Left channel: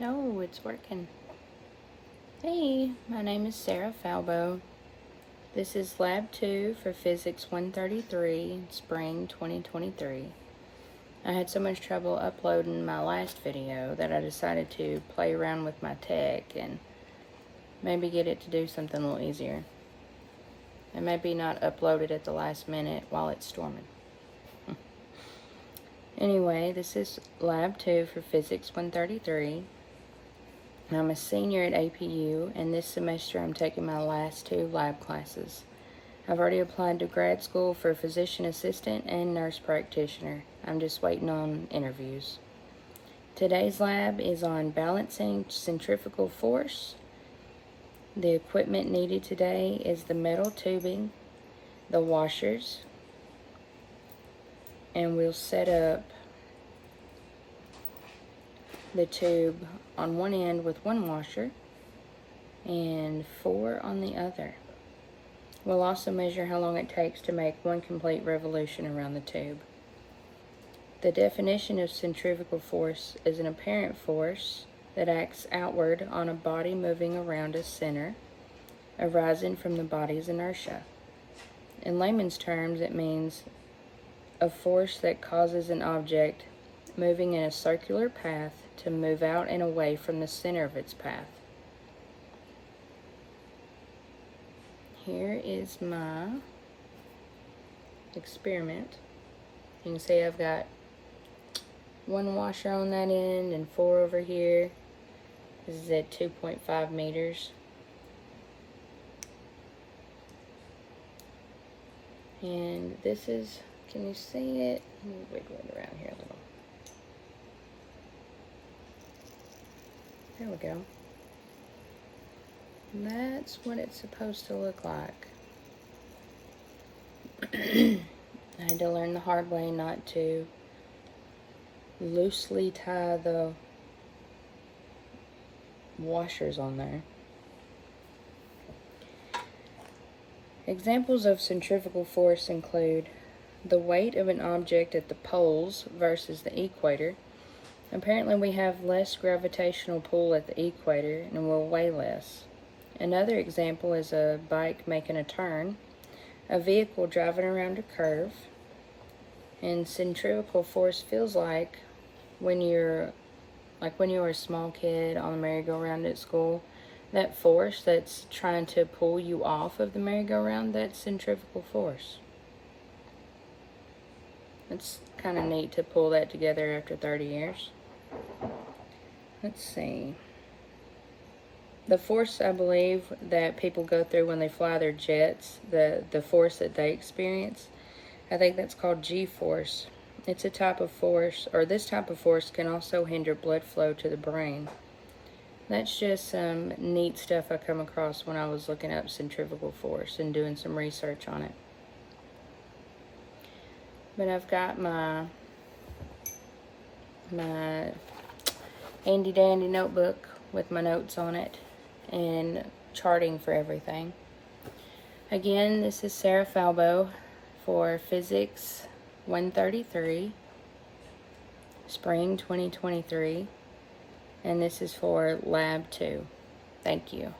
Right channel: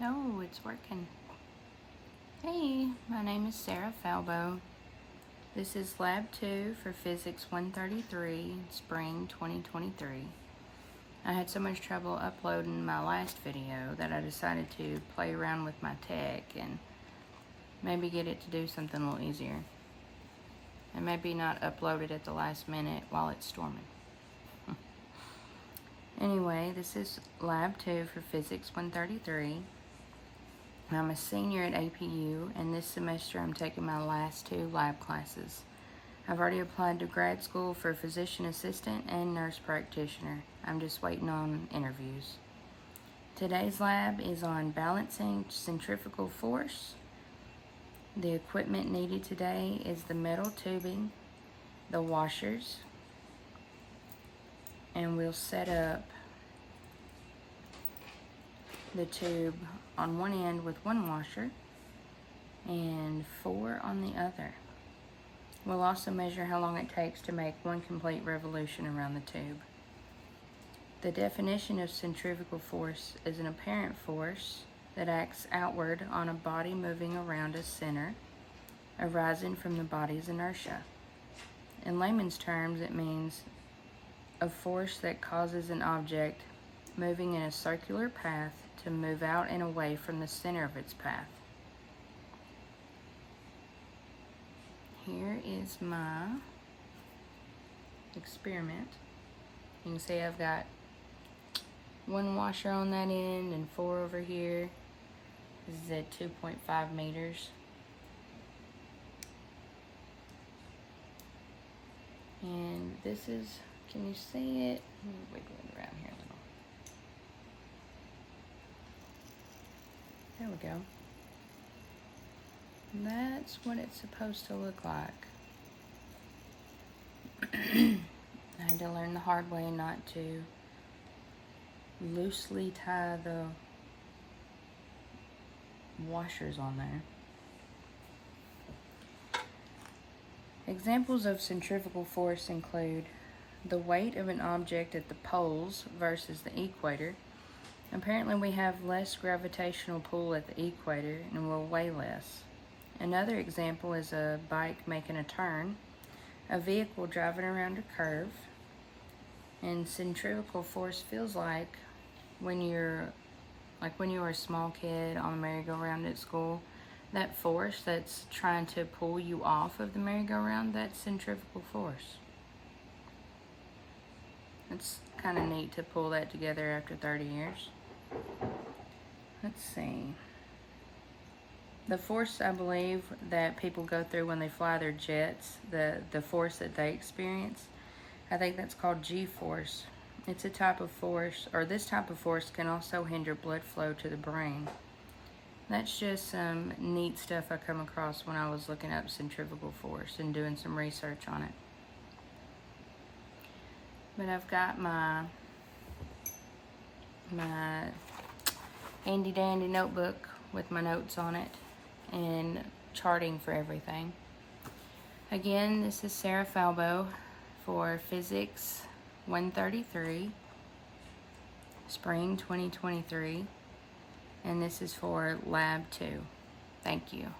No, it's working. Hey, my name is Sarah Falbo. This is Lab 2 for Physics 133, Spring 2023. I had so much trouble uploading my last video that I decided to play around with my tech and maybe get it to do something a little easier. And maybe not upload it at the last minute while it's storming. Anyway, this is Lab 2 for Physics 133. I'm a senior at APU, and this semester I'm taking my last 2 lab classes. I've already applied to grad school for physician assistant and nurse practitioner. I'm just waiting on interviews. Today's lab is on balancing centrifugal force. The equipment needed today is the metal tubing, the washers, and we'll set up the tube on one end with 1 washer and 4 on the other. We'll also measure how long it takes to make 1 complete revolution around the tube. The definition of centrifugal force is an apparent force that acts outward on a body moving around a center, arising from the body's inertia. In layman's terms, it means a force that causes an object moving in a circular path to move out and away from the center of its path. Here is my experiment. You can see I've got 1 washer on that end and 4 over here. This is at 2.5 meters. And this is, can you see it? Let me wiggle it around here a little. There we go. And that's what it's supposed to look like. I had to learn the hard way not to loosely tie the washers on there. Examples of centrifugal force include the weight of an object at the poles versus the equator. Apparently we have less gravitational pull at the equator and will weigh less. Another example is a bike making a turn, a vehicle driving around a curve, and centrifugal force feels like when you were a small kid on the merry-go-round at school, that force that's trying to pull you off of the merry-go-round, that's centrifugal force. It's kind of neat to pull that together after 30 years. Let's see. The force, I believe, that people go through when they fly their jets, the force that they experience, I think that's called G-force. It's a type of force, or this type of force can also hinder blood flow to the brain. That's just some neat stuff I come across when I was looking up centrifugal force and doing some research on it. But I've got my handy dandy notebook with my notes on it and charting for everything. Again, this is Sarah Falbo for Physics 133, Spring 2023, and this is for Lab 2. Thank you.